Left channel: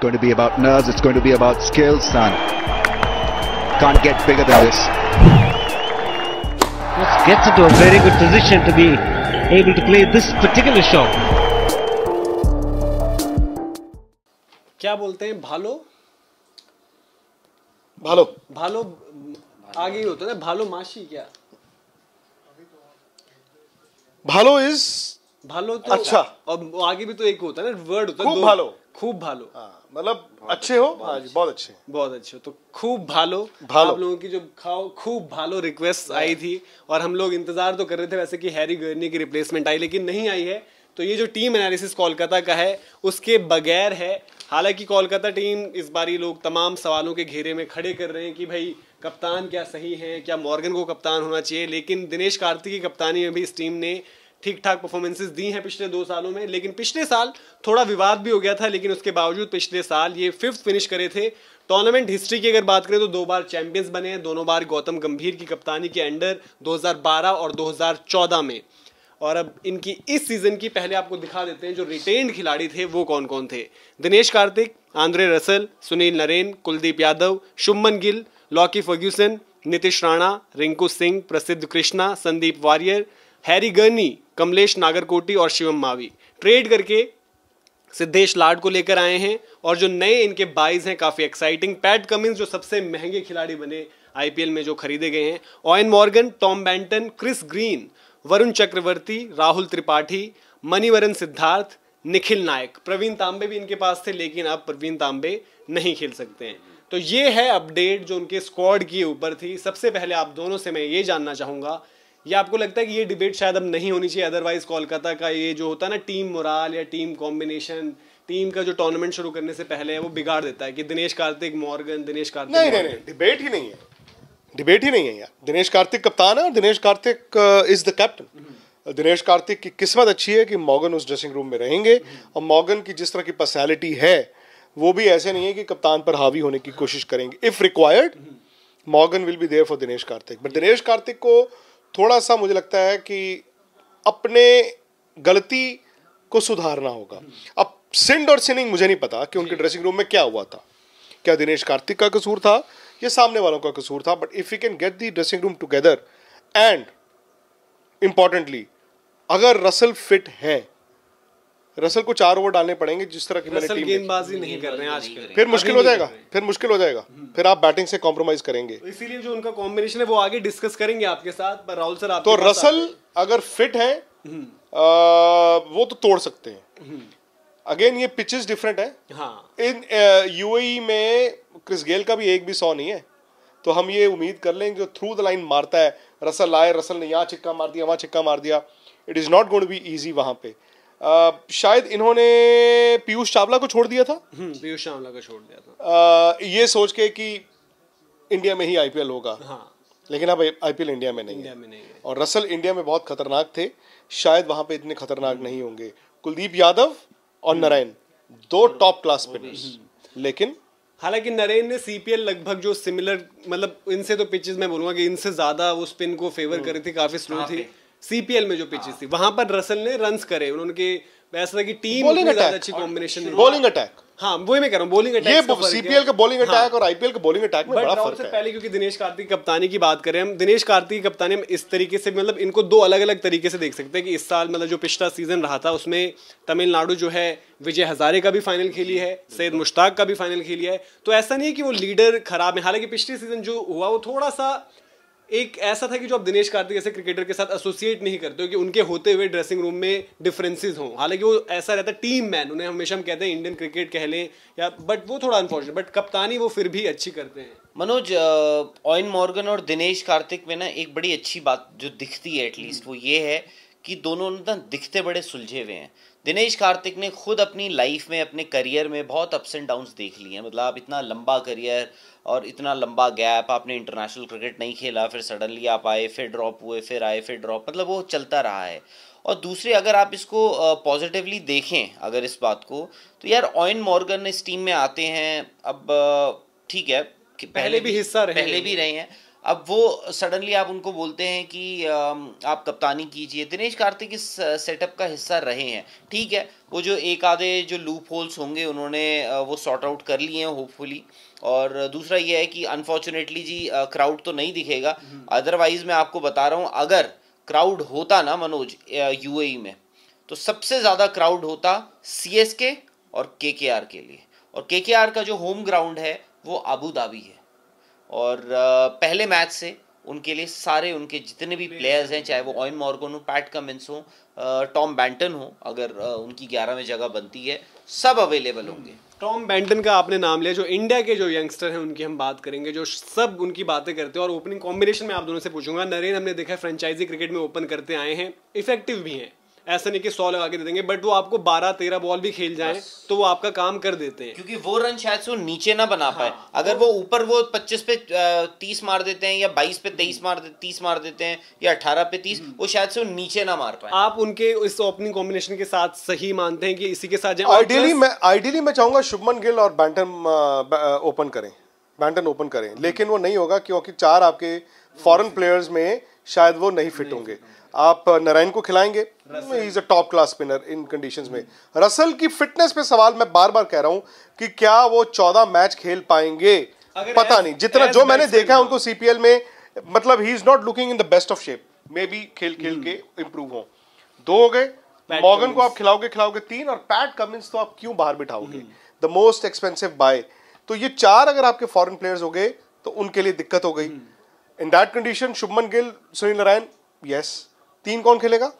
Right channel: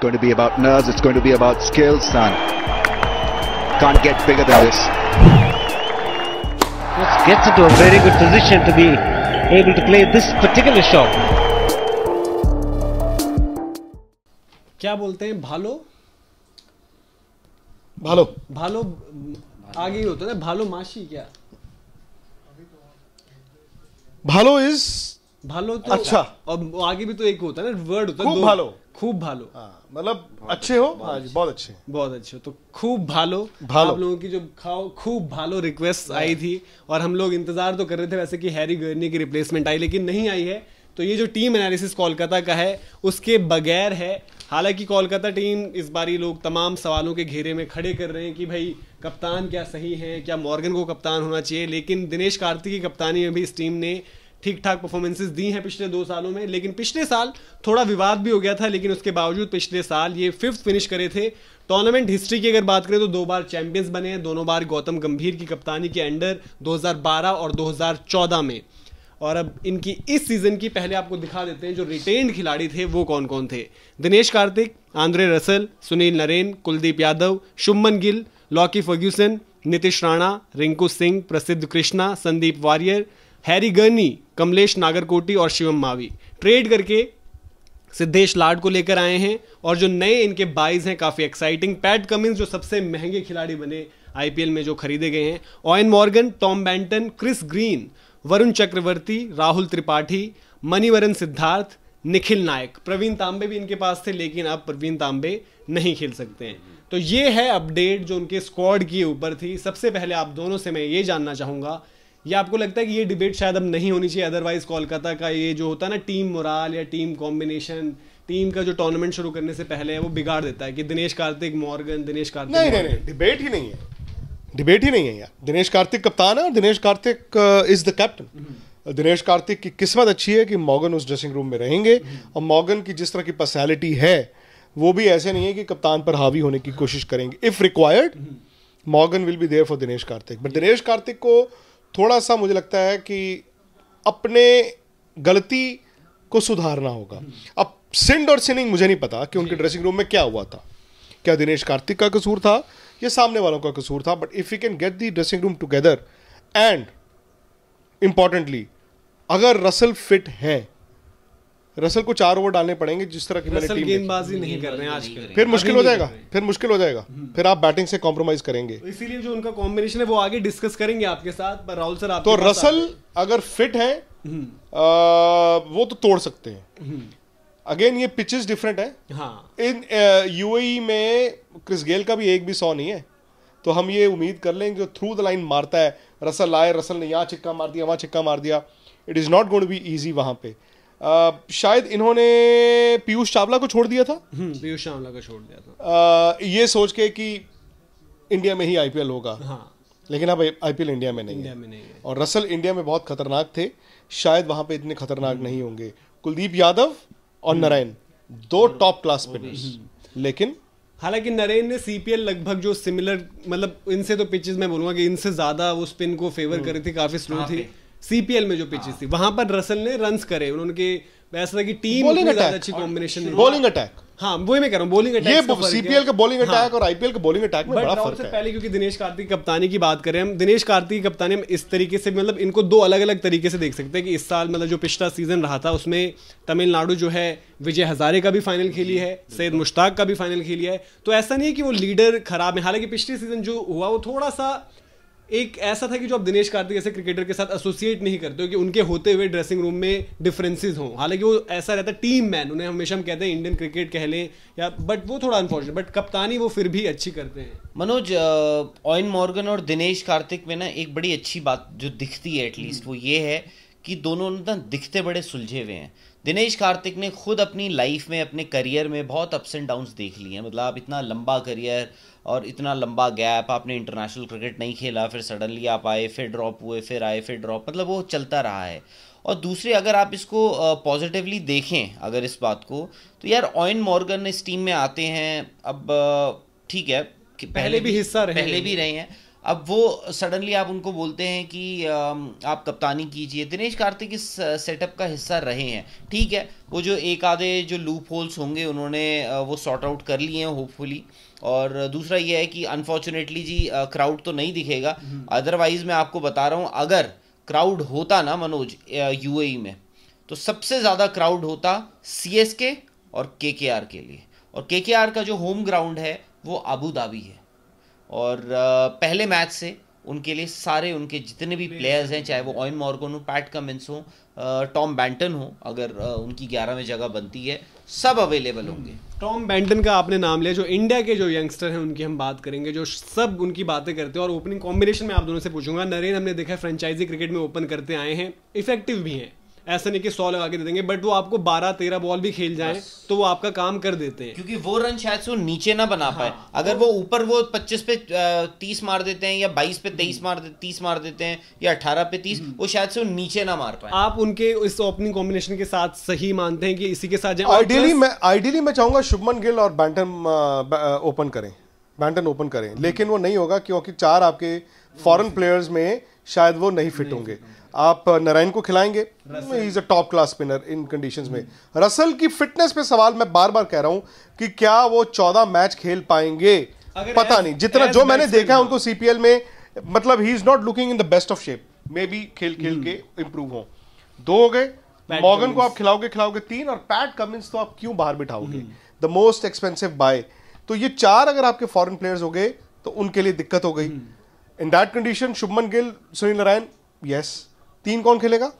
It's going to be about nerves. It's going to be about skills, son. Can't get bigger than this. Just gets into a very good position to be able to play this particular shot. क्या बोलते हैं भालो भालो भालो आगे ही होता है ना, भालो माशी क्या भालो इज भालो तो अच्छा। और आगे भी तो एक होता है ना वर्ड होता है, खूब भालो। खूब भालो, मतलब अच्छे हो। हाँ जी, बहुत अच्छे। बहुत अच्छे हो तो खूब भालो। भालो। आप लोगों की जो खाओ खूब भालो रिक्वेस्ट आई थी और हम लोग इंतजार तो कर रहे थे वैसे कि हैरी गर्नी की रिप्लेसमेंट आई, लेकिन नहीं आई है। तो ये जो टीम एनालिसिस कोलकाता का है उसके बगैर है। हालांकि कोलकाता टीम इस बारी लोग तमाम सवालों के घेरे में खड़े कर रहे हैं कि भाई कप्तान क्या सही है, क्या मॉर्गन को कप्तान होना चाहिए, लेकिन दिनेश कार्तिक की कप्तानी में भी इस टीम ने ठीक ठाक परफॉर्मेंसेस दी हैं पिछले 2 सालों में। लेकिन पिछले साल थोड़ा विवाद भी हो गया था, लेकिन उसके बावजूद पिछले साल ये 5th फिनिश करे थे। टूर्नामेंट हिस्ट्री की अगर बात करें तो 2 बार चैंपियंस बने हैं, दोनों बार गौतम गंभीर की कप्तानी के अंडर 2012 और 2014 में। और अब इनकी इस सीजन की पहले आपको दिखा देते हैं जो रिटेन्ड खिलाड़ी थे वो कौन कौन थे। Dinesh Karthik, Andre Russell, Sunil Narine, Kuldeep Yadav, Shubman Gill, Lockie Ferguson, Nitish Rana, Rinku Singh, Prasidh Krishna, Sandeep Warrier, Harry Gurney, Kamlesh Nagarkoti और शिवम मावी। ट्रेड करके सिद्धेश लाड को लेकर आए हैं और जो नए इनके बाइज हैं काफ़ी एक्साइटिंग। पैट कमिंस जो सबसे महंगे खिलाड़ी बने आईपीएल में जो खरीदे गए हैं, Eoin Morgan, Tom Banton, Chris Green, Varun Chakravarthy, Rahul Tripathi, Manimaran Siddharth, Nikhil Naik. Pravin Tambe भी इनके पास थे लेकिन अब प्रवीण तांबे नहीं खेल सकते हैं। तो ये है अपडेट जो उनके स्क्वाड के ऊपर थी। सबसे पहले आप दोनों से मैं ये जानना चाहूँगा, ये आपको लगता है कि ये डिबेट शायद अब नहीं होनी चाहिए, अदरवाइज कोलकाता का ये जो होता है ना टीम मोराल या टीम कॉम्बिनेशन, टीम का जो टूर्नामेंट शुरू करने से पहले है वो बिगाड़ देता है कि दिनेश कार्तिक मॉर्गन, दिनेश कार्तिक नहीं, डिबेट ही नहीं है, डिबेट ही नहीं है यार। दिनेश कार्तिक कप्तान है और Dinesh Karthik is the captain. Dinesh Karthik की किस्मत अच्छी है कि मॉर्गन उस ड्रेसिंग रूम में रहेंगे और मॉर्गन की जिस तरह की पर्सनैलिटी है वो भी ऐसे नहीं है कि कप्तान पर हावी होने की कोशिश करेंगे। If required Morgan will be there for Dinesh Karthik. But Dinesh Karthik को थोड़ा सा मुझे लगता है कि अपने गलती को सुधारना होगा। अब सिंड और सिनिंग मुझे नहीं पता कि उनके ड्रेसिंग रूम में क्या हुआ था, क्या दिनेश कार्तिक का कसूर था या सामने वालों का कसूर था। But if you can get the dressing room together and importantly अगर रसल फिट है, रसल को 4 ओवर डालने पड़ेंगे जिस तरह की मैंने टीम गेंदबाजी नहीं कर रहे हैं आजकल, फिर मुश्किल हो जाएगा, फिर मुश्किल हो जाएगा, फिर आप बैटिंग से कॉम्प्रोमाइज करेंगे। तो इसीलिए जो उनका कॉम्बिनेशन है वो आगे डिस्कस करेंगे आपके साथ। पर राहुल सर आप तो रसल अगर फिट है वो तो तोड़ सकते हैं। अगेन ये पिचेस डिफरेंट है। हाँ। इन यूएई में क्रिस गेल का भी एक भी 100 नहीं है, तो हम ये उम्मीद कर लें जो थ्रू द लाइन मारता है, रसल आए, रसल ने यहाँ छिक्का मार दिया, वहाँ छिक्का मार दिया, it is not going to be easy वहाँ पे। शायद इन्होंने पीयूष चावला को छोड़ दिया था, पीयूष चावला को छोड़ दिया था ये सोच के कि इंडिया में ही आईपीएल होगा। हाँ। लेकिन अब आईपीएल इंडिया में नहीं है और रसल इंडिया में बहुत खतरनाक थे, शायद वहाँ पे इतने खतरनाक नहीं होंगे। कुलदीप यादव और नारायण 2 टॉप क्लास स्पिनर्स, लेकिन हालांकि नरेन ने सीपीएल लगभग जो सिमिलर, मतलब इनसे तो पिचेस मैं बोलूंगा कि इनसे ज्यादा वो स्पिन को फेवर कर रही थी, काफी स्लो थी। सीपीएल में जो पिचेस थी वहां पर रसल ने रन्स करे, उन्होंने ऐसा की टीम ज्यादा अच्छी कॉम्बिनेशन नहीं, बॉलिंग अटैक। हाँ वही मैं कह रहा हूँ, बॉलिंग अटैक। ये सीपीएल का बॉलिंग अटैक और आईपीएल का बॉलिंग अटैक में बड़ा फर्क है। पहले क्योंकि दिनेश कार्तिक की कप्तानी की बात करें हम, दिनेश कार्तिक की कप्तानी में इस तरीके से मतलब इनको 2 अलग अलग तरीके से देख सकते हैं कि इस साल मतलब जो पिछला सीजन रहा था उसमें तमिलनाडु जो है विजय हजारे का भी फाइनल खेली है, सैयद मुश्ताक का भी फाइनल खेली है। तो ऐसा नहीं है कि वो लीडर खराब है। हालांकि पिछले सीजन जो हुआ वो थोड़ा सा एक ऐसा था कि जो आप दिनेश कार्तिक ऐसे क्रिकेटर के साथ एसोसिएट नहीं करते हो कि उनके होते हुए ड्रेसिंग रूम में डिफरेंसेस हों। हालांकि वो ऐसा रहता है टीम मैन, उन्हें हमेशा हम कहते हैं इंडियन क्रिकेट कह लें या, बट वो थोड़ा अनफॉर्चुनेट, बट कप्तानी वो फिर भी अच्छी करते हैं। मनोज, ओएन मॉर्गन और दिनेश कार्तिक में ना एक बड़ी अच्छी बात जो दिखती है एटलीस्ट वो ये है कि दोनों ना दिखते बड़े सुलझे हुए हैं। दिनेश कार्तिक ने खुद अपनी लाइफ में, अपने करियर में बहुत अप्स एंड डाउन्स देख लिए हैं। मतलब आप इतना लंबा करियर और इतना लंबा गैप, आपने इंटरनेशनल क्रिकेट नहीं खेला, फिर सडनली आप आए, फिर ड्रॉप हुए, फिर आए, फिर ड्रॉप, मतलब वो चलता रहा है। और दूसरी अगर आप इसको पॉजिटिवली देखें अगर इस बात को, तो यार ओएन मॉर्गन इस टीम में आते हैं, अब ठीक है कि पहले भी हिस्सा रहे, पहले भी रहे हैं। अब वो सडनली आप उनको बोलते हैं कि आप कप्तानी कीजिए। दिनेश कार्तिक इस सेटअप का हिस्सा रहे हैं, ठीक है, वो जो एक आधे जो लूप होल्स होंगे उन्होंने वो सॉर्ट आउट कर लिए हैं होपफुली। और दूसरा ये है कि अनफॉर्चुनेटली जी क्राउड तो नहीं दिखेगा, अदरवाइज मैं आपको बता रहा हूँ अगर क्राउड होता ना मनोज यूएई में, तो सबसे ज़्यादा क्राउड होता सीएसके और केकेआर के लिए। और केकेआर का जो होम ग्राउंड है वो अबू धाबी है, और पहले मैच से उनके लिए सारे उनके जितने भी प्लेयर्स हैं, चाहे वो ऑयन मॉर्गन हो, पैट कमिंस हो, टॉम बैंटन हो, अगर उनकी 11 में जगह बनती है, सब अवेलेबल होंगे। टॉम बैंटन का आपने नाम लिया, जो इंडिया के जो यंगस्टर हैं उनकी हम बात करेंगे, जो सब उनकी बातें करते हैं। और ओपनिंग कॉम्बिनेशन में आप दोनों से पूछूंगा, नरेन हमने देखा है फ्रेंचाइजी क्रिकेट में ओपन करते आए हैं, इफेक्टिव भी हैं, ऐसा नहीं कि 100 लगा के दे देंगे, बट वो आपको 12-13 बॉल भी खेल जाएं तो वो आपका काम कर देते हैं, क्योंकि वो रन शायद से वो नीचे ना बना पाए। अगर वो ऊपर वो 25 पे 30 मार देते हैं, या 22 पे 30 मार देते हैं, या 18 पे 30, वो शायद से वो नीचे ना मार पाए। आप उनके इस ओपनिंग कॉम्बिनेशन के साथ सही मानते हैं कि इसी के साथ जाएं? आइडियली मैं चाहूंगा शुभमन गिल और बैंटन ओपन करें, लेकिन वो नहीं होगा क्योंकि 4 आपके फॉरेन प्लेयर्स में शायद वो नहीं फिट होंगे। आप नारायण को खिलाएंगे, he is a top class spinner in conditions में। रसल की फिटनेस पे सवाल मैं बार बार कह रहा हूं कि क्या वो 14 मैच खेल पाएंगे, पता नहीं। जितना जो मैंने देखा है उनको सीपीएल में, मतलब he is not looking in the best of shape, may be खेल के इंप्रूव हो। 2 हो गए, मॉर्गन को आप खिलाओगे 3, और पैट कमिंस तो आप क्यों बाहर बिठाओगे, द मोस्ट एक्सपेंसिव बाय। तो ये 4 अगर आपके फॉरेन प्लेयर्स हो गए तो उनके लिए दिक्कत हो गई। In that condition Shubman Gill, Sunil Narayan, yes. 3 कौन खेलेगा?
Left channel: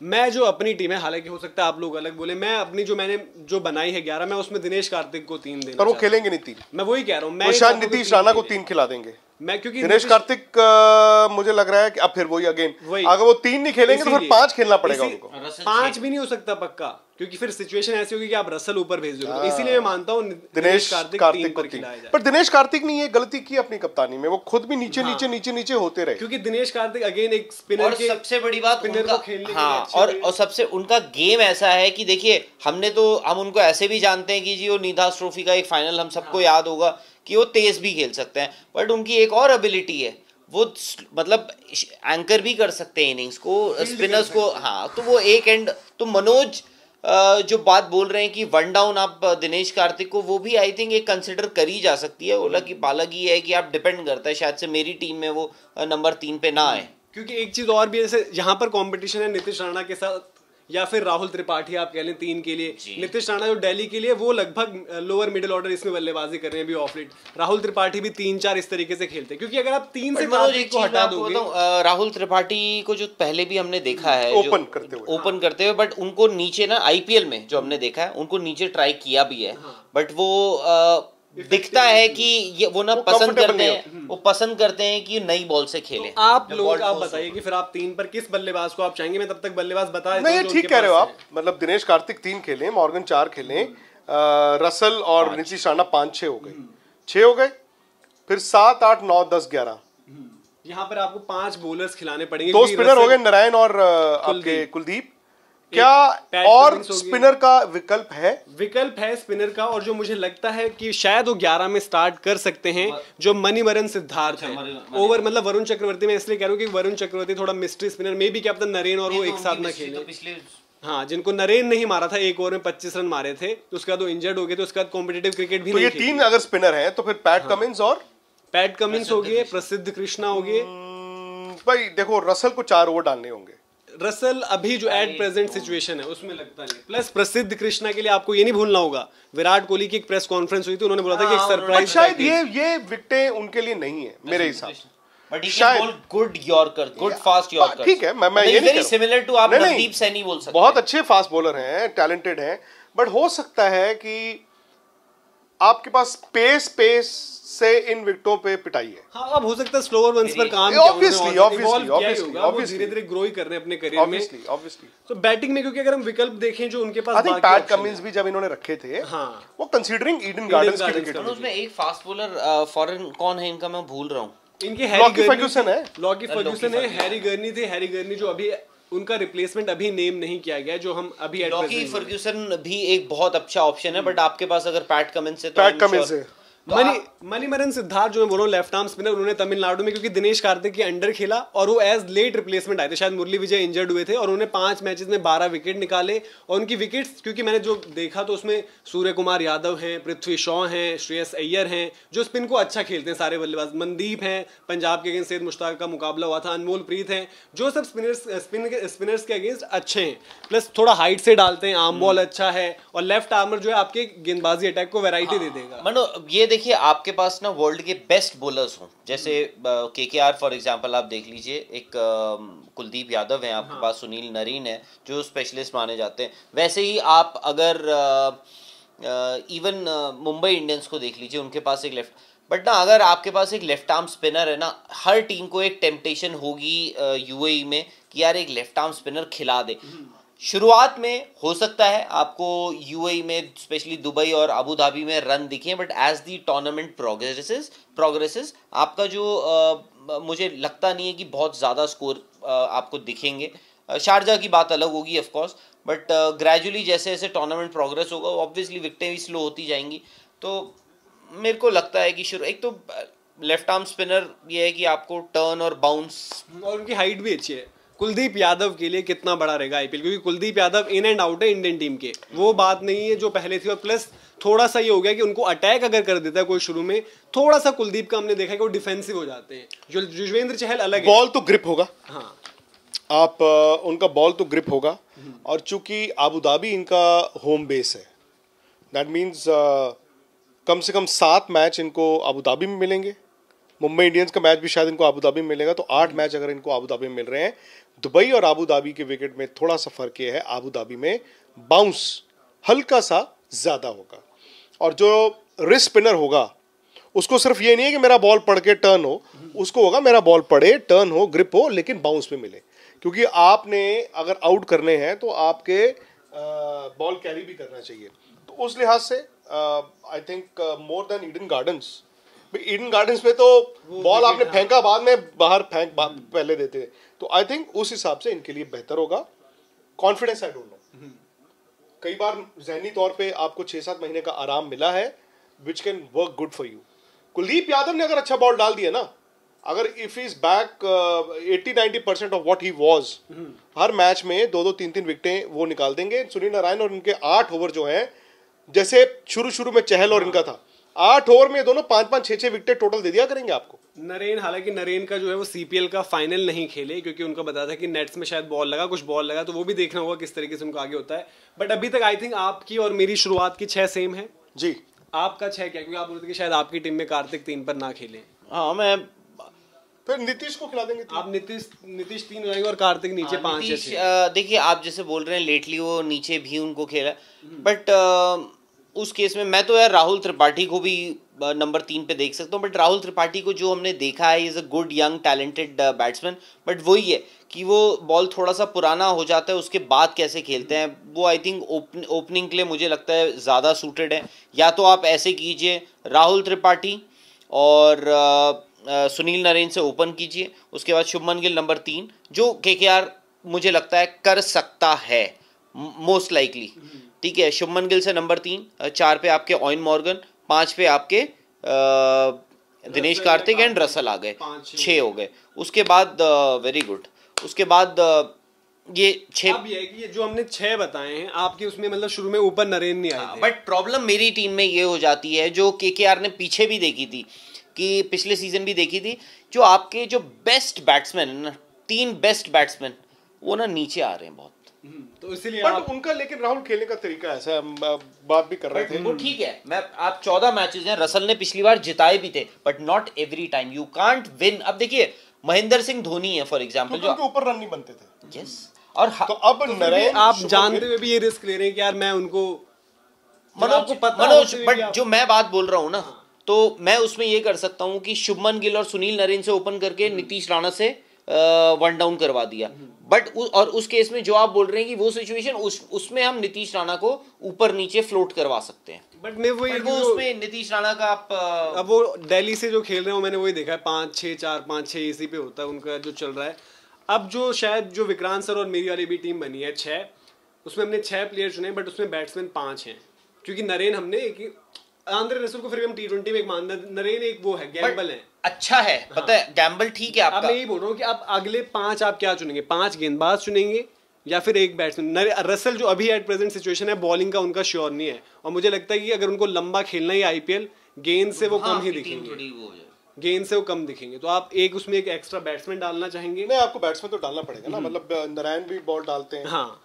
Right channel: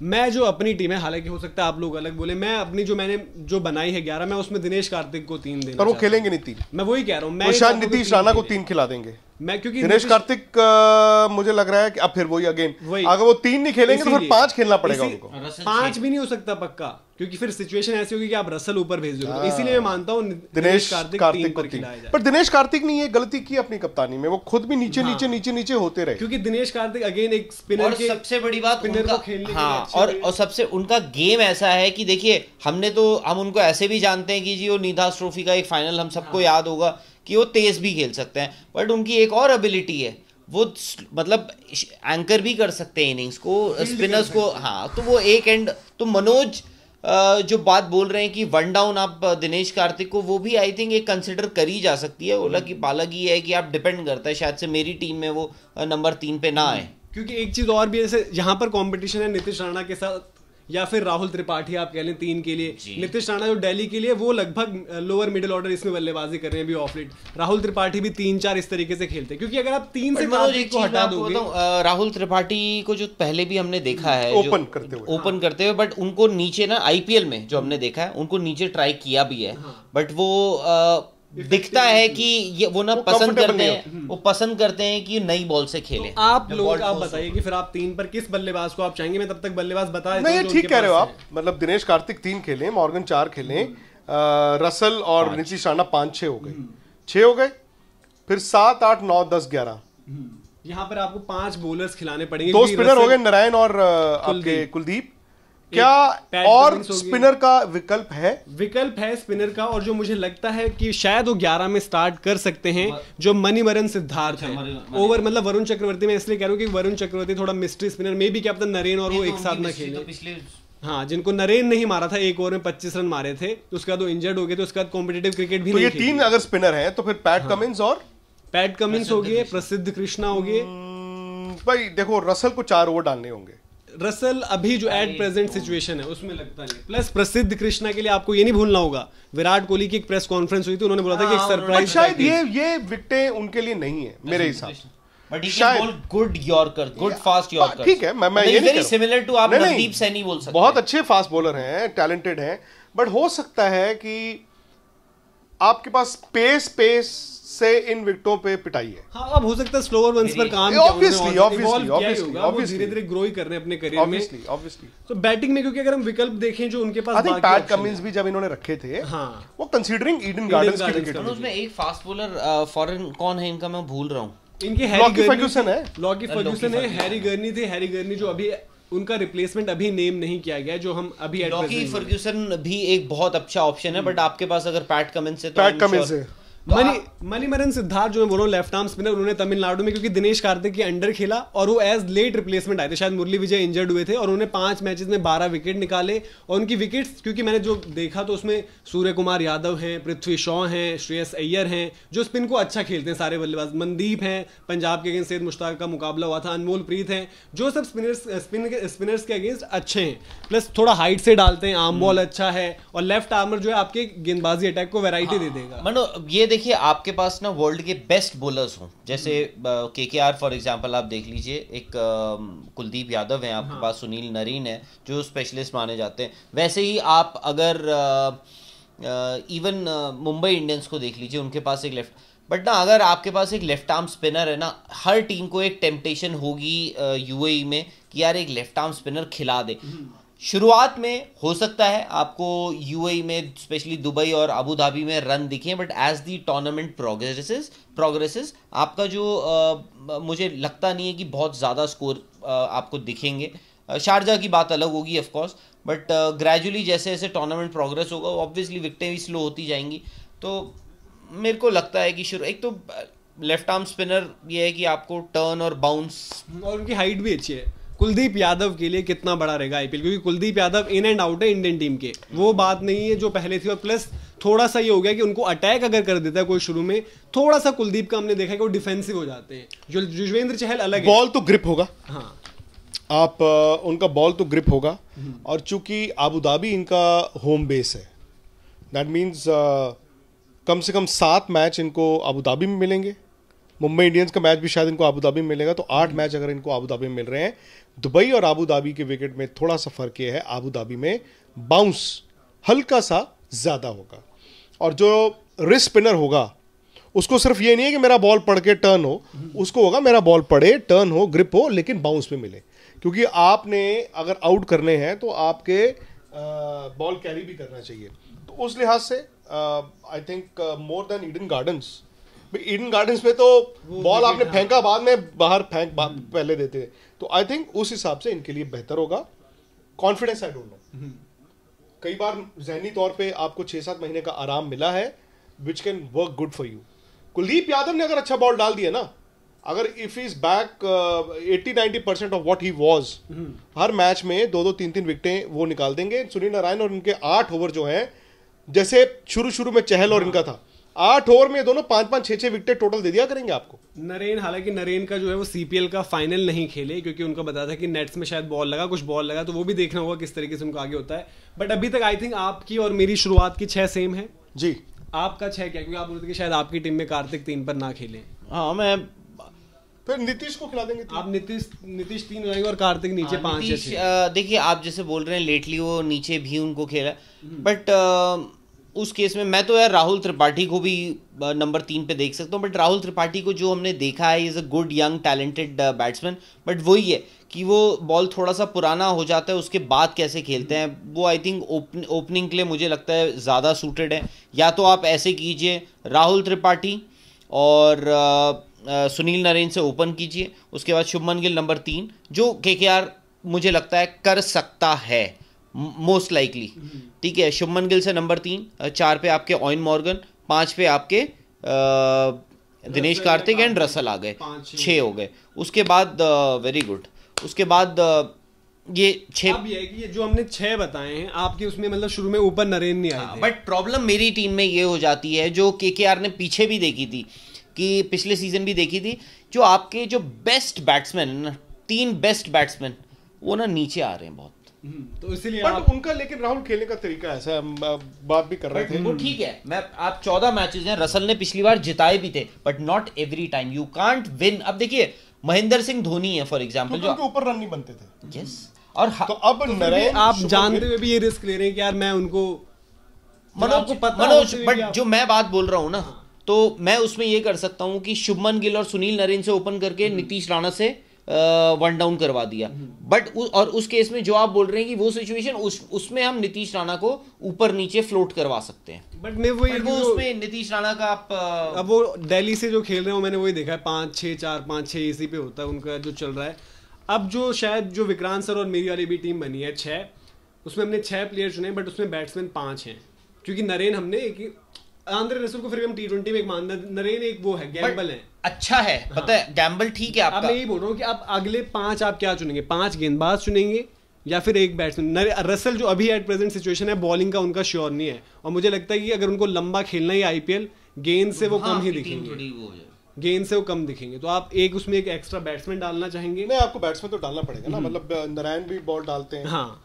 मैं जो अपनी टीम है, हालांकि हो सकता है आप लोग अलग बोले, मैं अपनी मैंने बनाई है 11, मैं उसमें दिनेश कार्तिक को 3 देना, पर वो खेलेंगे नहीं 3। मैं वही कह रहा हूँ, मैं शायद नीतीश राणा को 3 खिला देंगे। मैं क्योंकि दिनेश कार्तिक मुझे लग रहा है कि अब फिर वही अगेन, अगर वो 3 नहीं खेलेंगे तो फिर 5 खेलना पड़ेगा उनको। 5 भी नहीं हो सकता पक्का, क्योंकि फिर सिचुएशन ऐसी होगी कि आप रसल ऊपर भेज दोगे, इसीलिए मैं मानता हूँ दिनेश कार्तिक 3 पर खिलाया जाए। पर दिनेश कार्तिक ने ये गलती की अपनी कप्तानी में, वो खुद भी नीचे होते रहे, क्योंकि दिनेश कार्तिक अगेन एक स्पिनर के, सबसे बड़ी बात स्पिनर को खेलने हाँ, और सबसे उनका गेम ऐसा है कि देखिए हम उनको ऐसे भी जानते हैं कि जी वो निधास ट्रॉफी का एक फाइनल हम सबको याद होगा कि वो तेज भी खेल सकते हैं, बट उनकी एक और एबिलिटी है, वो मतलब एंकर भी कर सकते हैं इनिंग्स को, स्पिनर्स को। हाँ, तो वो एक एंड, तो मनोज जो बात बोल रहे हैं कि 1 डाउन आप दिनेश कार्तिक को, वो भी आई थिंक एक कंसिडर करी जा सकती है। ओला की पालक ये है कि आप डिपेंड करता है, शायद से मेरी टीम में वो नंबर 3 पे ना आए। क्योंकि एक चीज और भी, जैसे यहाँ पर कंपटीशन है नीतीश राणा के साथ, या फिर राहुल त्रिपाठी आप कह लें 3 के लिए। नीतीश राणा जो दिल्ली के लिए, वो लगभग लोअर मिडिल ऑर्डर इसमें बल्लेबाजी कर रहे हैं अभी ऑफ लेट। राहुल त्रिपाठी भी 3-4 इस तरीके से खेलते हैं, क्योंकि अगर आप 3 से 5 को हटा दोगे, राहुल त्रिपाठी को जो पहले भी हमने देखा है ओपन करते हुए, बट उनको नीचे ना आईपीएल में जो हमने देखा है, उनको नीचे ट्राई किया भी है, बट वो दिखता है कि ये वो ना पसंद करते हैं, वो पसंद करते हैं कि नई बॉल से खेलें। तो आप लोग आप बताइए कि फिर आप 3 पर किस बल्लेबाज को आप चाहेंगे? मैं तब तक बल्लेबाज बता देता हूं। नहीं, ठीक कह रहे हो आप, मतलब दिनेश कार्तिक 3 खेलें, मॉर्गन 4 खेलें, रसल और नीतीश राणा 5-6 हो गए, 6 हो गए, फिर 7, 8, 9, 10, 11। यहाँ पर आपको 5 बॉलर्स खिलाने पड़ेंगे। 2 स्पिनर हो गए, नारायण और आपके कुलदीप। क्या और स्पिनर का विकल्प है स्पिनर का, और जो मुझे लगता है कि शायद वो 11 में स्टार्ट कर सकते हैं, जो मणिवरन सिद्धार्थ है ओवर, मतलब वरुण चक्रवर्ती। मैं इसलिए कह रहा हूँ कि वरुण चक्रवर्ती थोड़ा mystery spinner, maybe captain Narine और वो एक साथ ना खेले। हाँ, जिनको नरेन नहीं मारा था, 1 ओवर में 25 रन मारे थे, उसके बाद वो इंजर्ड हो गए, तो उसके बाद कॉम्पिटिटिव क्रिकेट भी नहीं खेले। तो ये 3 अगर स्पिनर है तो फिर पैट कमिंस हो गए, प्रसिद्ध कृष्णा हो गए। भाई देखो, रसल को 4 ओवर डालने होंगे। रसल अभी जो एट प्रेजेंट सिचुएशन है उसमें लगता नहीं। प्लस प्रसिद्ध कृष्णा के लिए आपको ये नहीं भूलना होगा, विराट कोहली की एक प्रेस कॉन्फ्रेंस हुई थी, उन्होंने बोला था कि एक सरप्राइज, शायद ये विकेटें उनके लिए नहीं है मेरे हिसाब से। But he can ball good yorker, good fast yorker. ठीक है, मैं ये नहीं वेरी सिमिलर टू आप नवदीप सैनी बोल सकते हैं, बहुत अच्छे फास्ट बॉलर हैं, टैलेंटेड हैं, बट हो सकता है कि आपके पास स्पेस से इन विकेटों पे पिटाई है। हाँ, अब हो सकता है स्लोअर वंस पर काम ऑब्वियसली धीरे-धीरे ग्रो ही कर रहे हैं अपने करियर में। तो बैटिंग में, क्योंकि अगर हम विकल्प देखें जो उनके पास, पैट कमिंस भी जब इन्होंने रखे थे, हाँ, वो कंसीडरिंग ईडन गार्डन्स की विकेट, उसमें एक फास्ट बॉलर फॉरेन कौन है इनका, मैं भूल रहा हूँ, इनके लॉकी फर्ग्यूसन है, हैरी गर्नी थे, हैरी गर्नी जो अभी उनका रिप्लेसमेंट अभी नेम नहीं किया गया, जो हम अभी लॉकी फर्ग्यूसन भी एक बहुत अच्छा ऑप्शन है, बट आपके पास अगर पैट कमिंस है, पैट कमिंस है, मणिमरन सिद्धार्थ जो मैं बोल रहा हूँ लेफ्ट आर्म स्पिनर, उन्होंने तमिलनाडु में क्योंकि दिनेश कार्तिक के अंडर खेला और वो एज लेट रिप्लेसमेंट आए थे, शायद मुरली विजय इंजर्ड हुए थे और उन्होंने 5 मैचेस में 12 विकेट निकाले। और उनकी विकेट्स क्योंकि मैंने जो देखा तो उसमें सूर्य कुमार यादव हैं, पृथ्वी शॉ हैं, श्रेयस अय्यर हैं जो स्पिन को अच्छा खेलते हैं सारे बल्लेबाज, मनदीप हैं, पंजाब के अगेंस्ट सैयद मुश्ताक का मुकाबला हुआ था, अनमोल प्रीत हैं, जो सब स्पिनर्स के अगेंस्ट अच्छे हैं, प्लस थोड़ा हाइट से डालते हैं, आर्म बॉल अच्छा है और लेफ्ट आर्मर जो है आपके गेंदबाजी अटैक को वैरायटी दे देगा। मनो ये देखिए आपके पास ना वर्ल्ड के बेस्ट बॉलर्स हों, जैसे केकेआर फॉर एग्जांपल आप देख लीजिए, एक कुलदीप यादव हैं आपके पास, सुनील नरीन है जो स्पेशलिस्ट माने जाते हैं। वैसे ही आप अगर इवन मुंबई इंडियंस को देख लीजिए, उनके पास एक लेफ्ट, बट ना अगर आपके पास एक लेफ्ट आर्म स्पिनर है ना, हर टीम को एक टेम्पटेशन होगी यूएई में कि यार एक लेफ्ट आर्म स्पिनर खिला दे। शुरुआत में हो सकता है आपको यूएई में स्पेशली दुबई और अबू धाबी में रन दिखे, but as the tournament progresses आपका जो मुझे लगता नहीं है कि बहुत ज़्यादा स्कोर आपको दिखेंगे। शारजा की बात अलग होगी ऑफ कोर्स, बट ग्रेजुअली जैसे जैसे टूर्नामेंट प्रोग्रेस होगा ऑब्वियसली विकेटें भी स्लो होती जाएंगी। तो मेरे को लगता है कि एक तो लेफ्ट आर्म स्पिनर ये है कि आपको टर्न और बाउंस, और उनकी हाइट भी अच्छी है। कुलदीप यादव के लिए कितना बड़ा रहेगा आईपीएल, क्योंकि Kuldeep Yadav in and out है इंडियन टीम के, वो बात नहीं है जो पहले थी। और प्लस थोड़ा सा ये हो गया कि उनको अटैक अगर कर देता है कोई शुरू में, थोड़ा सा कुलदीप का हमने देखा कि वो डिफेंसिव हो जाते हैं। जो युजवेंद्र चहल अलग है, बॉल तो ग्रिप होगा, हाँ आप उनका बॉल तो ग्रिप होगा। और चूंकि अबू धाबी इनका होम बेस है, दैट मीन्स कम से कम 7 मैच इनको अबू धाबी में मिलेंगे। मुंबई इंडियंस का मैच भी शायद इनको अबू धाबी में मिलेगा, तो 8 मैच अगर इनको अबू धाबी में मिल रहे हैं। दुबई और अबू धाबी के विकेट में थोड़ा सा फर्क ये है, अबू धाबी में बाउंस हल्का सा ज्यादा होगा, और जो रिस्ट स्पिनर होगा उसको सिर्फ ये नहीं है कि मेरा बॉल पड़ के टर्न हो, उसको होगा मेरा बॉल पड़े, टर्न हो, ग्रिप हो, लेकिन बाउंस पे मिले। क्योंकि आपने अगर आउट करने हैं तो आपके बॉल कैरी भी करना चाहिए। तो उस लिहाज से I think more than Eden gardens, Eden gardens में तो बॉल आपने फेंका बाद में बाहर पहले देते हैं, तो आई थिंक उस हिसाब से इनके लिए बेहतर होगा। कॉन्फिडेंस आई डोंट नो, कई बार ज़हनी तौर पे आपको 6-7 महीने का आराम मिला है, which can work good for you. Kuldeep Yadav ने अगर अच्छा बॉल डाल दिया ना, अगर if is back 80-90% of what he was, her match में 2-2, 3-3 विकेटें वो निकाल देंगे। सुनील नारायण और इनके 8 ओवर जो हैं, जैसे शुरू में चहल और इनका था, 8 ओवर में दोनों 5-5, 6-6 विकेट टोटल दे दिया करेंगे आपको। नरेन, हालांकि नरेन का जो है वो सीपीएल का फाइनल नहीं खेले क्योंकि उनका बताया था कि नेट्स में शायद कुछ बॉल लगा, तो वो भी देखना होगा किस तरीके से उनको आगे होता है। बट अभी तक आई थिंक आपकी और मेरी शुरुआत की 6 सेम है जी। आपका 6 क्या, क्योंकि आप बोलते कि शायद आपकी टीम में कार्तिक 3 पर ना खेले। हाँ, मैं फिर नीतीश को खिला देंगे। आप नीतीश 3 हो जाएंगे और कार्तिक नीचे 5 है 6। देखिए आप जैसे बोल रहे हैं लेटली वो नीचे भी उनको खेला, बट उस केस में मैं तो यार राहुल त्रिपाठी को भी नंबर 3 पे देख सकता हूँ। बट राहुल त्रिपाठी को जो हमने देखा है, is a good young talented batsman, but वही है कि वो बॉल थोड़ा सा पुराना हो जाता है, उसके बाद कैसे खेलते हैं वो आई थिंक ओपनिंग के लिए मुझे लगता है ज़्यादा सूटेड है। या तो आप ऐसे कीजिए, राहुल त्रिपाठी और सुनील नरेन से ओपन कीजिए, उसके बाद शुभमन गिल नंबर 3, जो केकेआर मुझे लगता है कर सकता है मोस्ट लाइकली। ठीक है, शुभमन गिल से नंबर 3, 4 पे आपके ऑयन मॉर्गन, 5 पे आपके दिनेश कार्तिक एंड रसल आ गए, 6 हो गए। उसके बाद वेरी गुड, उसके बाद ये 6। अब ये है कि ये जो हमने 6 बताए हैं आपके, उसमें मतलब शुरू में ऊपर नरेन नहीं आए थे। बट प्रॉब्लम मेरी टीम में ये हो जाती है, जो केकेआर ने पीछे भी देखी थी, कि पिछले सीजन भी देखी थी, जो आपके जो बेस्ट बैट्समैन ना, 3 बेस्ट बैट्समैन, वो ना नीचे आ रहे हैं बहुत। तो इसीलिए बट उनका लेकिन राहुल खेलने का तरीका ऐसा है, हम बात भी कर रहे थे वो ठीक है। मैं आप 14 मैचेस हैं, रसल ने पिछली बार जिताए भी थे, but not every time, you can't win. अब देखिए महेंद्र सिंह धोनी है फॉर एग्जांपल, जो उनके ऊपर रन नहीं बनते थे। यस, और तो अब नरेन, आप जानते हुए भी ये रिस्क ले रहे हैं कि यार मैं उनको मनोज, बट जो मैं बात बोल रहा हूँ ना, तो मैं उसमें ये कर सकता हूँ कि शुभमन गिल और सुनील नरेन से ओपन करके नीतीश राणा से 1 डाउन करवा दिया। बट और उस केस में जो आप बोल रहे हैं कि वो सिचुएशन, उसमें हम नीतीश राणा को ऊपर नीचे फ्लोट करवा सकते हैं। बट मैं वो उसमें नीतीश राणा का आप अब वो दिल्ली से जो खेल रहे हो, मैंने वही देखा है, 5-6-4-5-6 इसी पे होता है उनका जो चल रहा है। अब जो शायद जो विक्रांत सर और मेरी वाली भी टीम बनी है 6, उसमें हमने 6 प्लेयर चुने, बट उसमें बैट्समैन 5 हैं, क्योंकि नरेन हमने एक आंद्रे रसल को फिर भी हम T20 में एक मान, नरेन एक वो है, गैम्बल है। अच्छा है, पता है गैम्बल ठीक है अब आपका। मैं यही बोल रहा हूँ कि आप अगले 5 आप क्या चुनेंगे, 5 गेंदबाज चुनेंगे या फिर एक बैट्समैन? रसल जो अभी एट प्रेजेंट सिचुएशन है, बॉलिंग का उनका श्योर नहीं है, और मुझे लगता है कि अगर उनको लंबा खेलना ही आईपीएल, गेंद से वो कम ही दिखेंगे, गेंद से वो कम दिखेंगे। तो आप एक उसमें एक एक्स्ट्रा बैट्समैन डालना चाहेंगे? नहीं, आपको बैट्समैन तो डालना पड़ेगा ना, मतलब नारायण भी बॉल डालते हैं। हाँ,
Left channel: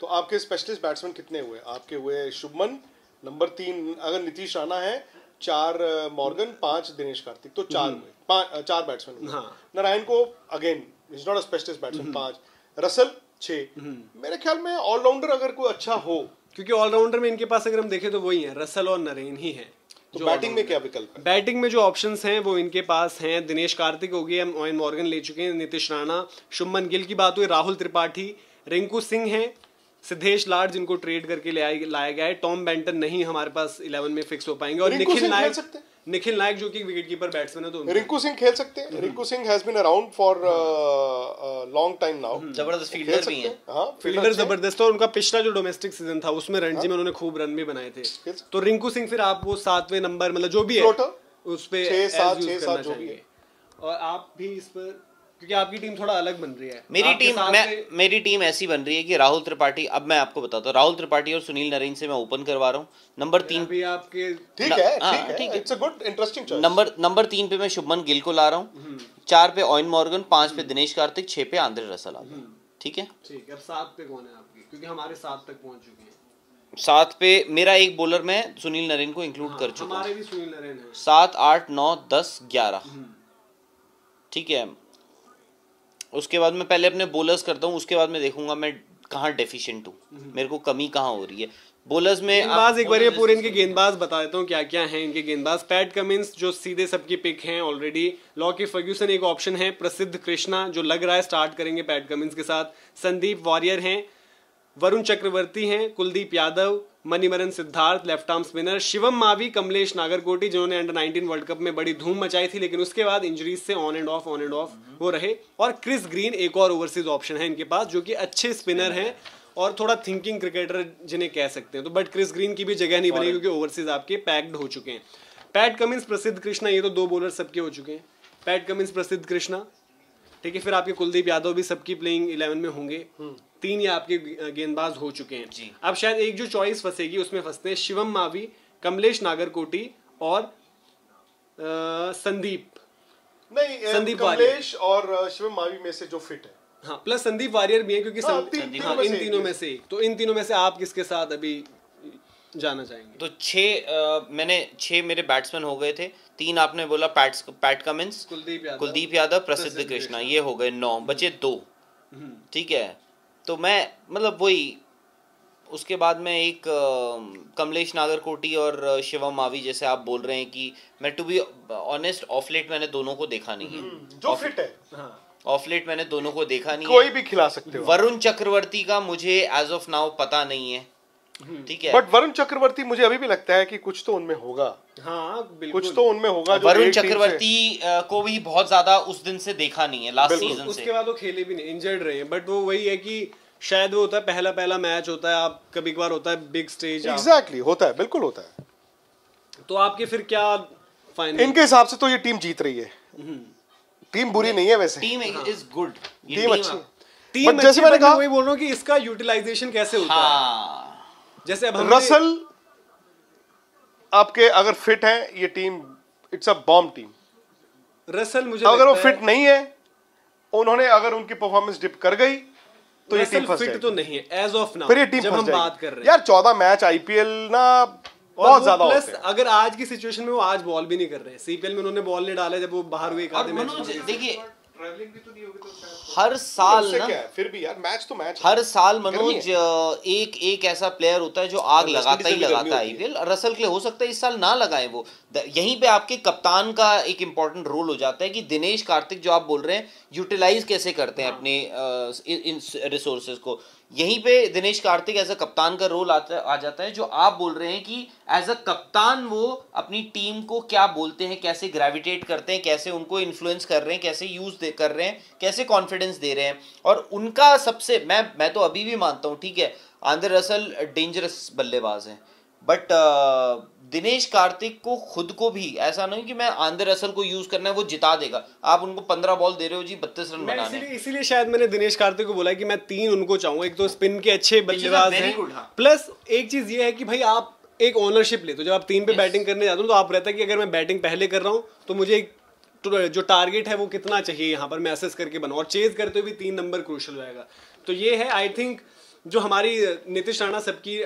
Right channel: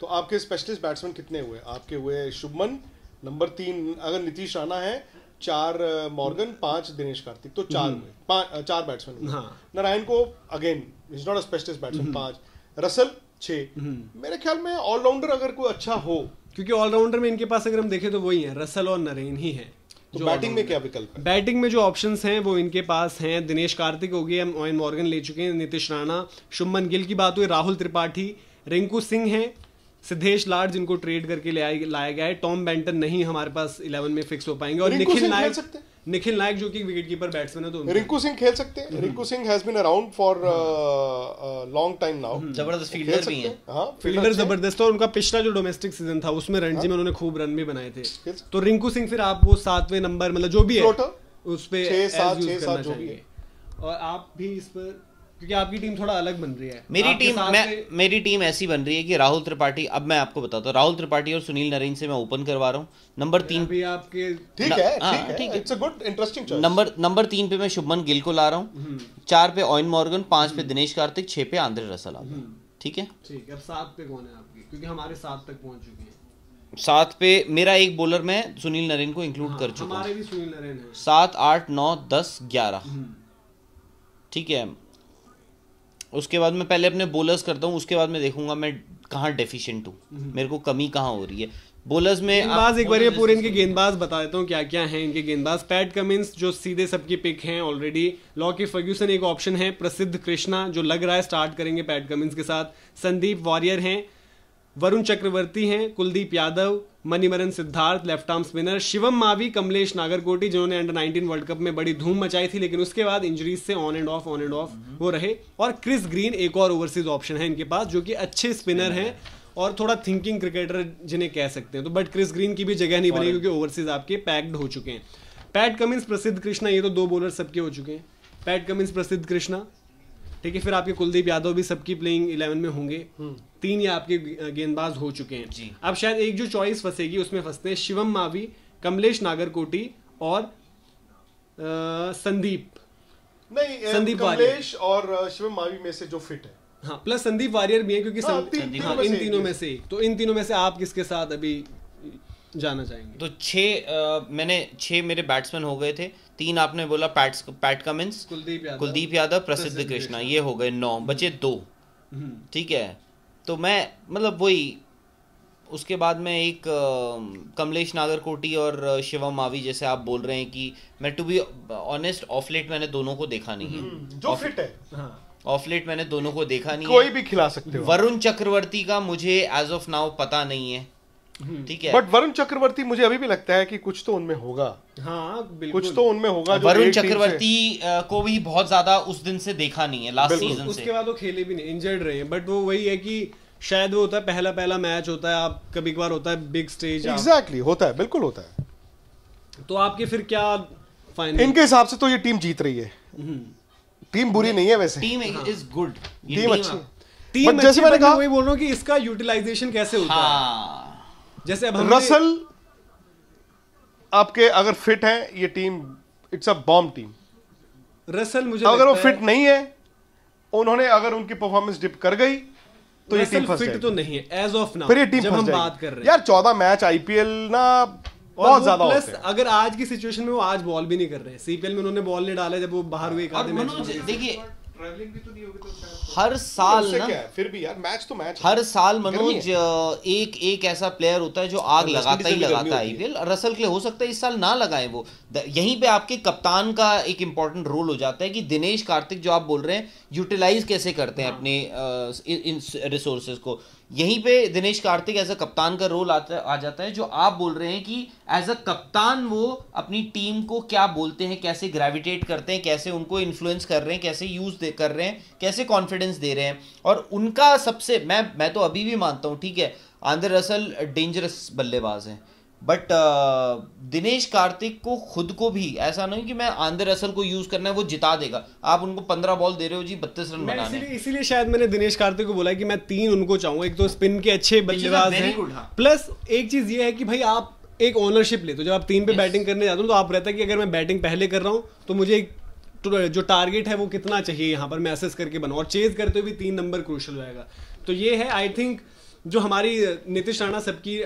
तो आपके स्पेशलिस्ट बैट्समैन कितने हुए? आपके हुए शुभमन, नंबर 3 अगर नीतीश राणा है, 4 मॉर्गन, 5 दिनेश कार्तिक, तो 4 हुए, 4 बैट्समैन हुए। हाँ। नारायण को again is not a specialist batsman, 5, Russell 6। मेरे ख्याल में ऑलराउंडर अगर कोई अच्छा हो, क्योंकि ऑलराउंडर में इनके पास अगर हम देखें तो वही है, रसल और नरेन ही है। तो बैटिंग में क्या विकल्प है? बैटिंग में जो ऑप्शंस हैं वो इनके पास हैं, दिनेश कार्तिक हो गए, हम ओवेन मॉर्गन ले चुके हैं, नीतीश राणा, शुभमन गिल की बात हुई, राहुल त्रिपाठी, रिंकू सिंह हैं, सिद्धेश लाड जिनको ट्रेड करके लाया गया है, टॉम बेंटन नहीं हमारे पास 11 में फिक्स हो पाएंगे, और निखिल नायक जो कि विकेट कीपर बैट्समैन है। तो रिंकू सिंह खेल सकते हैं। Rinku Singh has been around for long time now, जबरदस्त फील्डर भी हैं। हाँ, फील्डर जबरदस्त, और उनका पिछला जो डोमेस्टिक सीजन था उसमें रणजी में उन्होंने खूब रन भी बनाए थे। तो रिंकू सिंह फिर आप वो 7वें नंबर, मतलब जो भी है उस पे 6-7 जो भी है। और आप भी इस पर, क्योंकि आपकी टीम थोड़ा अलग बन रही है। मेरी टीम ऐसी बन रही है कि राहुल त्रिपाठी, अब मैं आपको बताता हूँ, राहुल त्रिपाठी और सुनील नरेन से मैं ओपन करवा रहा हूँ। नंबर 3 भी आपके ठीक है, it's a good interesting choice. Number 3 पे मैं शुभमन गिल को ला रहा हूँ, 4 पे ओवेन मॉर्गन, 5 पे दिनेश कार्तिक, 6 पे आंद्रे रसल। ठीक है, ठीक है। अब 7 पे कौन है आपकी? क्योंकि हमारे 7 तक पहुंच चुके हैं। 7 पे मेरा एक बॉलर मैं सुनील नरेन को इंक्लूड कर चुका हूँ। हमारे भी सुनील नरेन है। 7, 8, 9, 10, 11। ठीक है, उसके बाद मैं पहले अपने बॉलर्स करता हूँ, उसके बाद मैं देखूंगा मैं कहाँ डेफिशिएंट हूँ, मेरे को कमी कहाँ हो रही है बॉलर्स में। गेंदबाज एक बार ये पूरे इनके गेंदबाज बता देता हूँ क्या क्या हैं इनके गेंदबाज। पैट कमिंस जो सीधे सबकी पिक हैं ऑलरेडी, लॉकी फर्ग्यूसन एक ऑप्शन है, प्रसिद्ध कृष्णा जो लग रहा है स्टार्ट करेंगे पैट कमिंस के साथ, संदीप वॉरियर हैं, वरुण चक्रवर्ती हैं, Kuldeep Yadav, Manimaran Siddharth left arm spinner, Shivam Mavi, Kamlesh Nagarkoti जिन्होंने अंडर 19 वर्ल्ड कप में बड़ी धूम मचाई थी, लेकिन उसके बाद इंजरीज से ऑन एंड ऑफ वो रहे, और क्रिस ग्रीन एक और ओवरसीज ऑप्शन है इनके पास जो कि अच्छे स्पिनर हैं और थोड़ा थिंकिंग क्रिकेटर जिन्हें कह सकते हैं। तो बट क्रिस ग्रीन की भी जगह नहीं बनी क्योंकि ओवरसीज आपके पैक्ड हो चुके हैं। पैट कमिंस, प्रसिद्ध कृष्णा, ये तो 2 बॉलर सबके हो चुके हैं, पैट कमिंस, प्रसिद्ध कृष्णा। ठीक है, फिर आपके कुलदीप यादव भी सबकी प्लेइंग 11 में होंगे, 3 ये आपके गेंदबाज हो चुके हैं। अब शायद एक जो चॉइस फंसेगी उसमें फंसते हैं शिवम मावी, कमलेश नागरकोटी और संदीप कमलेश और शिवम मावी में से जो फिट है। हाँ, प्लस संदीप वॉरियर भी है क्योंकि इन तीनों में से, तो इन तीनों में से आप किसके साथ अभी जाना चाहेंगे? तो 6 मेरे बैट्समैन हो गए थे, 3 आपने बोला पैट कमिंस, कुलदीप यादव, प्रसिद्ध कृष्णा, ये हो गए 9, बचे 2। ठीक है, तो मैं मतलब वही, उसके बाद में एक कमलेश नागरकोटी और शिवम मावी जैसे आप बोल रहे हैं कि मैं to be honest of late मैंने दोनों को देखा नहीं है, जो फिट है ऑफ लेट मैंने दोनों को देखा नहीं है, कोई भी खिला सकते हो। वरुण चक्रवर्ती का मुझे एज ऑफ नाउ पता नहीं है। ठीक है, बट वरुण चक्रवर्ती मुझे अभी भी लगता है कि कुछ तो उनमें होगा। हाँ बिल्कुल, कुछ तो उनमें होगा। वरुण चक्रवर्ती को भी बहुत ज्यादा उस दिन से देखा नहीं है, लास्ट सीजन से। उसके बाद वो खेले भी नहीं, इंजर्ड रहे हैं, बट वो वही है कि शायद वो होता है पहला मैच होता है, आप कभी कभार होता है बिग स्टेज। एग्जैक्टली, होता है, बिल्कुल होता है। तो आपके फिर क्या फाइनल? इनके हिसाब से तो ये टीम जीत रही है। टीम बुरी नहीं है वैसे, टीम इज गुड, टीम अच्छी। टीम जैसे मैंने कहा, वही बोल रहा हूँ कि इसका यूटिलाइजेशन कैसे होता है। जैसे अब रसल आपके अगर फिट है, ये team it's a bomb team. Russell मुझे अगर वो फिट नहीं है, उन्होंने अगर उनकी परफॉर्मेंस डिप कर गई तो ये टीम फंस फिट तो नहीं है एज ऑफ नाउ, फिर ये टीम जब हम बात कर रहे हैं यार 14 मैच आईपीएल ना बहुत ज्यादा होते हैं। अगर आज की सिचुएशन में वो आज बॉल भी नहीं कर रहे हैं, सीपीएल में उन्होंने बॉल नहीं डाला जब वो बाहर हुए एक आधे मैच। देखिए हर साल ना, फिर भी यार मैच तो मैच, हर साल मनोज एक ऐसा प्लेयर होता है जो आग लगाता है आईपीएल। रसल के लिए हो सकता है इस साल ना लगाए वो, यहीं पे आपके कप्तान का एक इंपॉर्टेंट रोल हो जाता है कि दिनेश कार्तिक जो आप बोल रहे हैं यूटिलाइज कैसे करते हैं अपने इन रिसोर्सेज को। यहीं पे दिनेश कार्तिक एज अ कप्तान का रोल आ जाता है, जो आप बोल रहे हैं कि एज अ कप्तान वो अपनी टीम को क्या बोलते हैं, कैसे ग्रेविटेट करते हैं, कैसे उनको इन्फ्लुएंस कर रहे हैं, कैसे यूज कर रहे हैं, कैसे कॉन्फिडेंस दे रहे हैं। और उनका सबसे मैं तो अभी भी मानता हूँ, ठीक है, आंद्रे रसल डेंजरस बल्लेबाज हैं, बट दिनेश कार्तिक को खुद को भी ऐसा नहीं कि मैं आंद्रे रसल को यूज करना है वो जिता देगा, आप उनको 15 बॉल दे रहे हो जी 32 रन बनाने। इसीलिए शायद मैंने दिनेश कार्तिक को बोला कि मैं 3 उनको चाहूंगा। एक तो स्पिन के अच्छे बल्लेबाज हैं, प्लस एक चीज ये है कि भाई आप एक ओनरशिप ले, तो जब आप 3 पे बैटिंग करने जाते हो तो आप रहता है कि अगर मैं बैटिंग पहले कर रहा हूँ तो मुझे जो टारगेट है वो कितना चाहिए यहाँ पर मैं असेस करके बनाऊं, और चेज करते हुए भी 3 नंबर क्रूशल रहेगा। तो ये है आई थिंक जो हमारी नीतीश राणा सबकी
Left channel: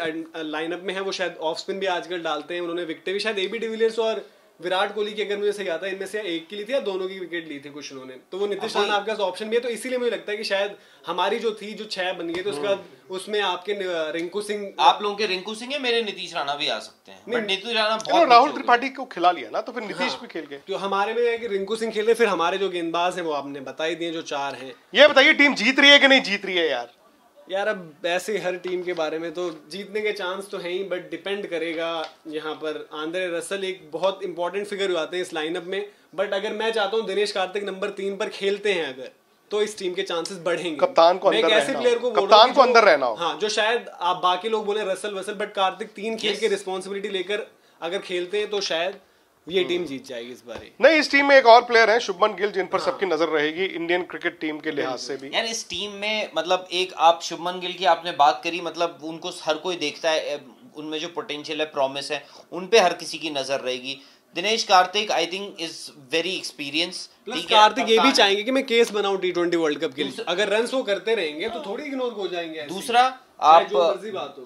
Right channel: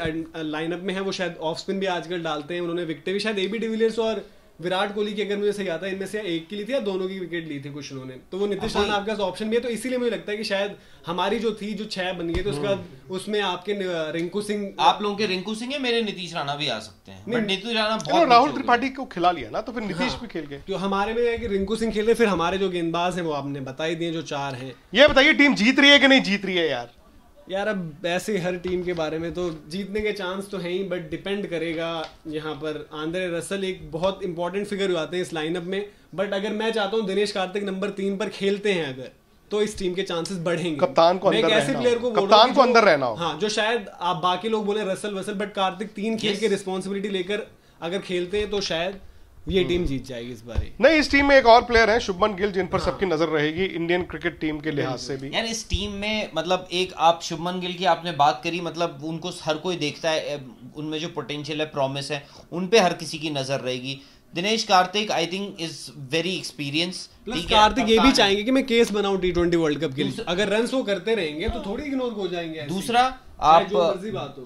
लाइनअप में है, वो शायद ऑफ स्पिन भी आजकल डालते हैं। उन्होंने विकेटें भी शायद एबी डिविलियर्स और विराट कोहली की, अगर मुझे सही आता है, इनमें से एक की ली थी या दोनों की विकेट ली थी कुछ उन्होंने, तो वो नीतीश राणा आपके पास ऑप्शन भी है। तो इसीलिए मुझे लगता है कि शायद हमारी जो थी जो 6 बन गई, तो उसके बाद उसमें आपके रिंकू सिंह, आप लोगों के रिंकू सिंह है, मेरे नीतीश राणा भी आ सकते हैं, बट नीतीश राणा बहुत राहुल त्रिपाठी को खिला लिया ना, तो फिर नीतीश भी खेल गए। तो हमारे में है कि रिंकू सिंह खेल रहे, फिर हमारे जो गेंदबाज हैं वो आपने बता ही दिए जो 4 हैं। ये बताइए टीम जीत रही है कि नहीं जीत रही है यार अब ऐसे हर टीम के बारे में तो जीतने के चांस तो हैं ही, बट डिपेंड करेगा। यहाँ पर आंद्रे रसल एक बहुत इंपॉर्टेंट फिगर हो जाते हैं इस लाइनअप में, बट अगर मैं चाहता हूँ दिनेश कार्तिक नंबर 3 पर खेलते हैं अगर, तो इस टीम के चांसेस बढ़ेंगे। कप्तान को अंदर ऐसे प्लेयर को कप्तान को अंदर रहना हो। हाँ, जो शायद आप बाकी लोग बोले रसल, बट कार्तिक 3 खेल के रिस्पॉन्सिबिलिटी लेकर अगर खेलते हैं तो शायद ये टीम जीत जाएगी इस बार। नहीं, इस टीम में एक और प्लेयर है शुभमन गिल, जिन पर सबकी नजर रहेगी इंडियन क्रिकेट टीम के लिहाज से भी। यार इस टीम में मतलब एक आप शुभमन गिल की आपने बात करी, मतलब उनको हर कोई देखता है, उनमें जो पोटेंशियल है, प्रॉमिस है, उन पे हर किसी की नजर रहेगी। Dinesh Karthik I think is very experience. Kartik ये भी चाहेंगे कि मैं केस बनाऊं T20 वर्ल्ड कप के लिए, अगर रन वो करते रहेंगे तो थोड़ी इग्नोर हो जाएंगे। दूसरा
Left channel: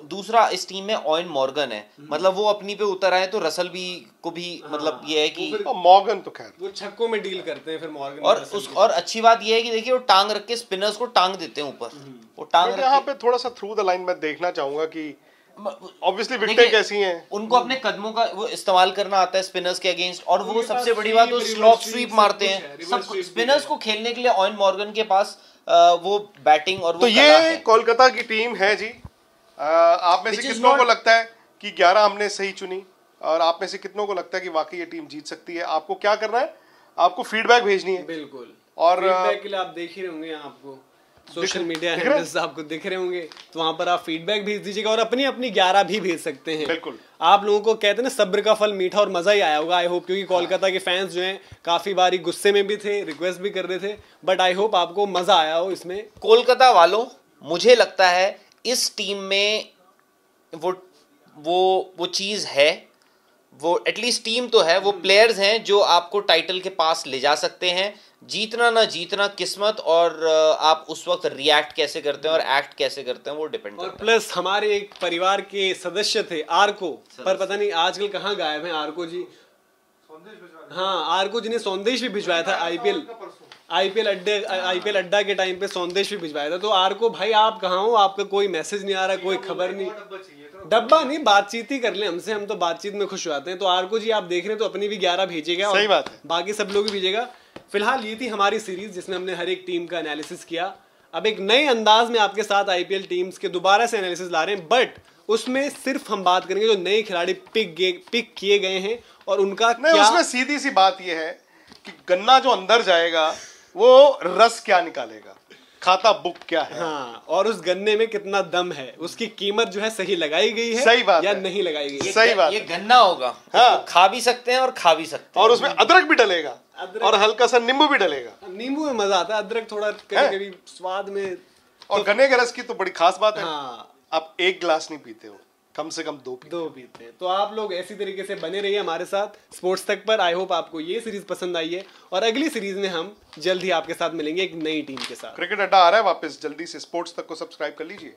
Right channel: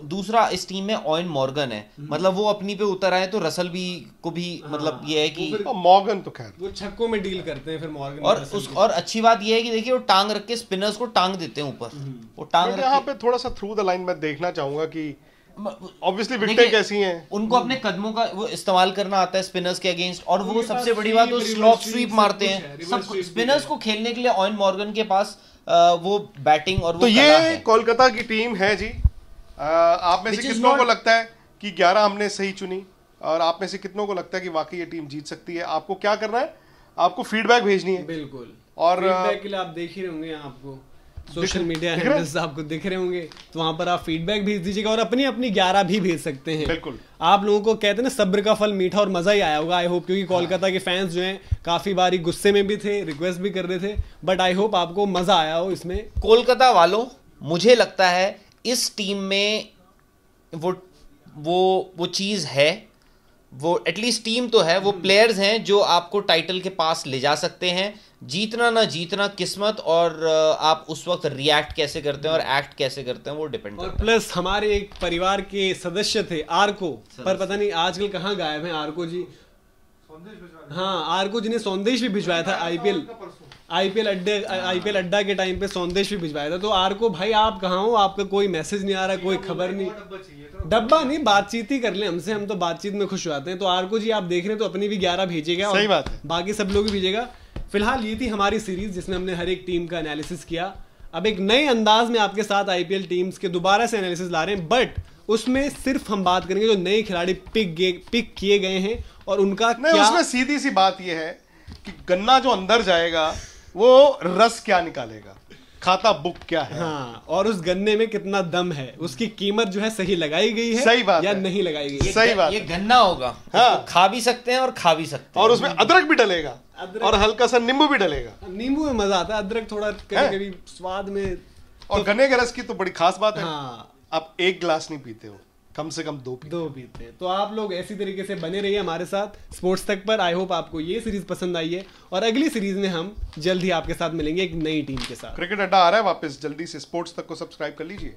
दूसरा इस टीम में ऑयन मॉर्गन है, मतलब वो अपनी पे उतर आए तो रसल भी को भी मतलब ये है कि मॉर्गन तो खैर वो छक्कों में डील करते हैं फिर मॉर्गन। और अच्छी बात ये है कि देखिए वो टांग रख के स्पिनर्स को टांग देते हैं ऊपर, वो टांग यहाँ पे थोड़ा सा थ्रू द लाइन मैं देखना चाहूंगा कि ऑब्वियसली विकेटें कैसी हैं, उनको अपने कदमों का वो इस्तेमाल करना आता है स्पिनर्स के अगेंस्ट, और वो सबसे बड़ी बात वो स्लॉप स्वीप मारते हैं। सब स्पिनर्स को खेलने के लिए ऑयन मॉर्गन के पास वो बैटिंग और वो तो ये कोलकाता की टीम है जी। आप में से कितनों को लगता है कि 11 हमने सही चुनी, और आप में से कितनों को लगता है कि वाकई ये टीम जीत सकती है? आपको क्या करना है, आपको फीडबैक भेजनी है। बिल्कुल, और फीडबैक के लिए आप देख ही होंगे, आपको सोशल मीडिया हैंडल्स आपको दिख रहे होंगे, तो वहां पर आप फीडबैक भेज दीजिएगा और अपनी अपनी 11 भी भेज सकते हैं। बिल्कुल, आप लोगों को कहते हैं ना सब्र का फल मीठा, और मजा ही आया होगा आई होप, क्योंकि कोलकाता के फैंस जो हैं काफी बारी गुस्से में भी थे, रिक्वेस्ट भी कर रहे थे, बट आई होप आपको मजा आया हो इसमें। कोलकाता वालों, मुझे लगता है इस टीम में वो चीज है, वो एटलीस्ट टीम तो है, वो प्लेयर्स हैं जो आपको टाइटल के पास ले जा सकते हैं। जीतना ना जीतना किस्मत, और आप उस वक्त रिएक्ट कैसे करते हैं और एक्ट कैसे करते हैं वो डिपेंड करता है। और प्लस हमारे एक परिवार के सदस्य थे आरको, पर पता नहीं आजकल कहाँ गायब हैं आरको जी। हाँ, आरको जी ने संदेश भी भिजवाया था आईपीएल अड्डा के टाइम पे संदेश भी भिजवाया था। तो आरको भाई आप कहाँ हो, आपका कोई मैसेज नहीं आ रहा, कोई खबर नहीं। डब्बा नहीं, बातचीत ही कर ले हमसे, हम तो बातचीत में खुश हो जाते हैं। तो आरको जी आप देख रहे हैं तो अपनी भी 11 भेजिएगा, सही बात है, बाकी सब लोग भी भेजिएगा। फिलहाल ये थी हमारी सीरीज जिसमें हमने हर एक टीम का एनालिसिस किया। अब एक नए अंदाज में आपके साथ आईपीएल टीम्स के दोबारा से एनालिसिस ला रहे हैं, बट उसमें सिर्फ हम बात करेंगे जो नए खिलाड़ी पिक किए गए हैं और उनका क्या। उसमें सीधी सी बात यह है कि गन्ना जो अंदर जाएगा वो रस क्या निकालेगा, खाता बुक क्या है। हाँ, और उस गन्ने में कितना दम है, उसकी कीमत जो है सही लगाई गई है, सही बात या है, नहीं लगाई गई है। सही बात, ये गन्ना होगा, हाँ, खा भी सकते हैं और खा भी सकते हैं, और उसमें अदरक भी डलेगा और हल्का सा नींबू भी डलेगा। नींबू में मजा आता है, अदरक थोड़ा कभी-कभी स्वाद में। और गन्ने के रस की तो बड़ी खास बात है, हाँ, आप 1 गिलास नहीं पीते हो, कम से कम 2 पीते हैं। तो आप लोग ऐसी तरीके से बने रहिए हमारे साथ स्पोर्ट्स तक पर। आई होप आपको ये सीरीज पसंद आई है, और अगली सीरीज में हम जल्द ही आपके साथ मिलेंगे एक नई टीम के साथ। क्रिकेट अड्डा आ रहा है वापस, जल्दी से स्पोर्ट्स तक को सब्सक्राइब कर लीजिए।